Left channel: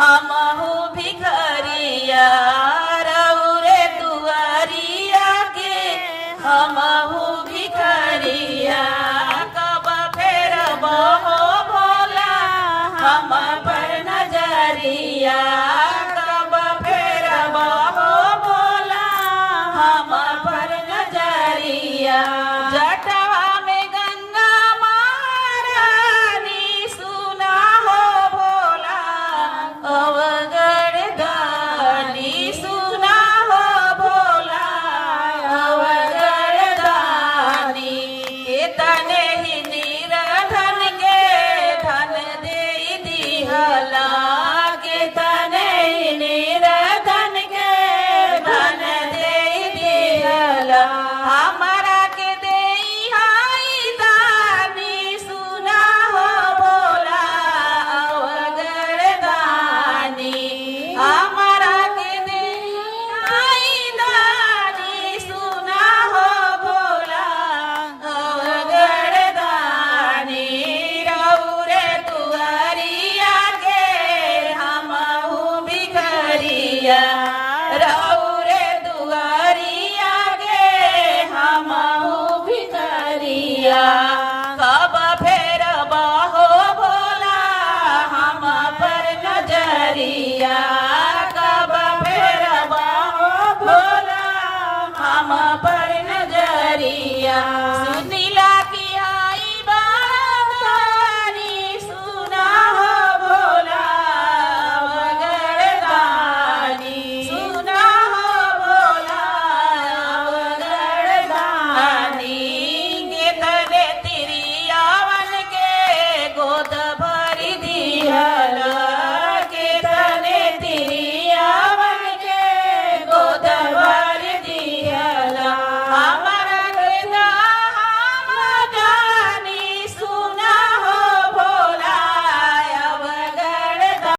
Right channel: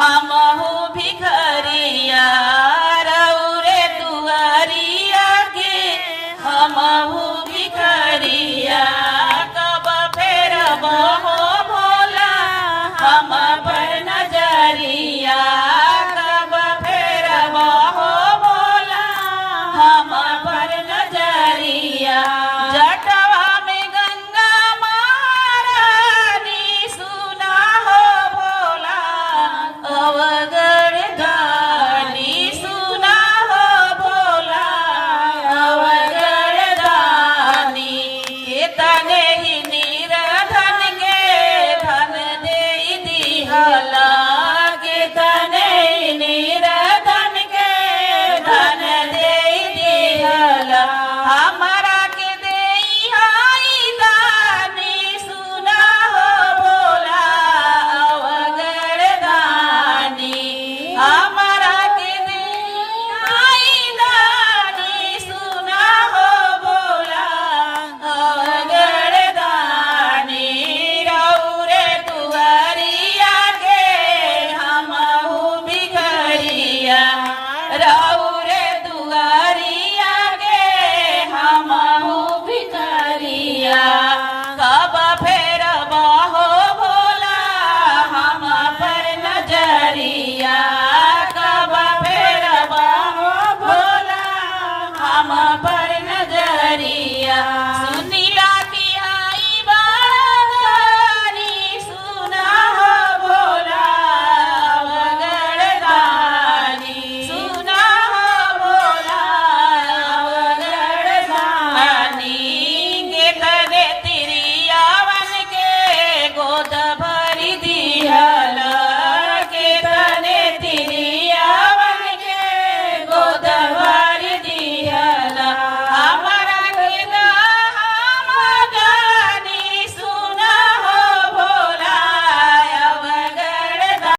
हमहू भिखरिया रौरे दुआरिया के हमहू भिखरिया कब फेरब हो भोला हम पर नजरिया कब फेरब हो भोला हम पर नजरिया जटवा में गंगा महारानी सुना हो भोला अवगढ़ दानी सुना हो भोला अवगढ़ दानी तने ही निरधन के धन दे दिहला के तने ही निरधन के धन दे दिहला हमरा के देई हाई दानी सुना हो भोला अवगढ़ दानी हमरा के देई हाई दानी सुना हो भोला अवगढ़ दानी रौरे दुआरिया के हमहू भिखरिया रौरे दुआरिया के हमहू भिखरिया कब फेरब हो भोला हम पर नजरिया कब फेरब हो भोला हम पर नजरिया